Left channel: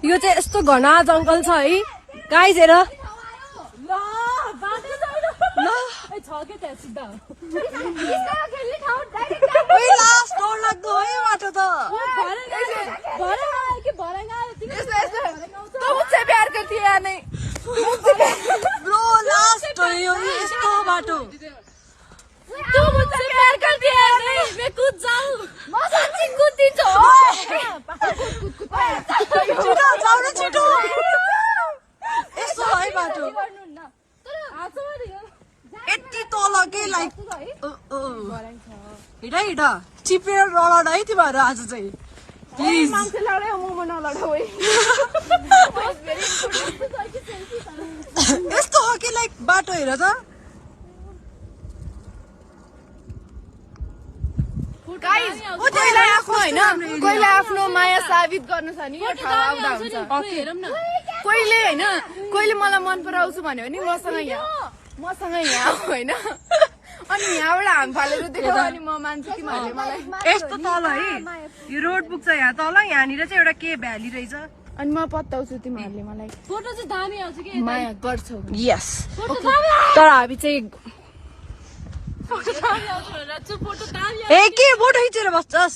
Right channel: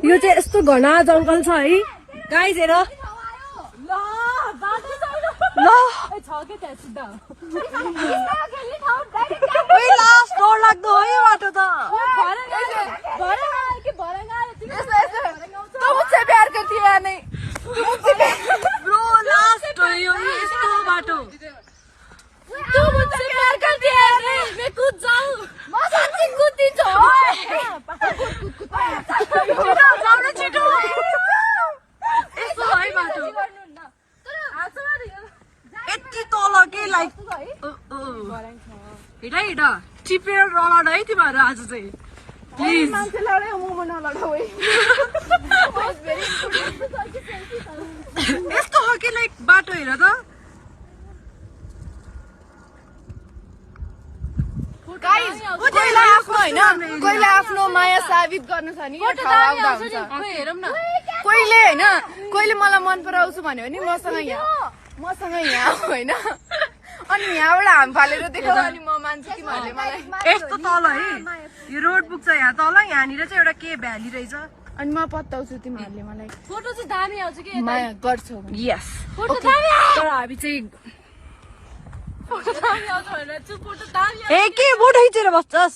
यो चाहिँ यस्तो घना जङ्गल छ है गाइस हेर लास्ट डर लाग्दो है यो बाटो त प्यार करती है नहीं ब्रो लास्ट हो यो यस्तो बाटो तू मुझसे प्यार करती है नहीं मैं कूद जाऊं मैं सच्ची कूदती जाऊ छिटो यस्तो है बाटो यति तल के लाइक हिँड हिँड चिपेर नलड है तिमीहरू आज चाहिँ प्लिज यस्तो हो कि लाइक बाटो हेर त कहिले आफ्नो माया साबित गर्नु छ नि यो ठाउँ आउँदा हुन्छ कोहीले होइन कोहीले मलाई मन पराउँछु भन्यो भने मसँग यहाँ होइन अनि यहाँबाट हाम फालेर देखाउँछ अनि म मान्छु कि नभए मलाई यस्तो तल है यो रोड पुग्छ यहाँ तल यहाँनिर चाहिँ एउटा के भ्याली रहेछ अनि म पत्ताउँछु तिमीहरूले मलाई फोटो चाहिँ दामी आउँछ कि माया गर्छौ यस तर हामी चाहिँ फोटो दामी आउँछ भनेर चाहिँ फोटो दामी ए के फोटो खिचेर बस्छस्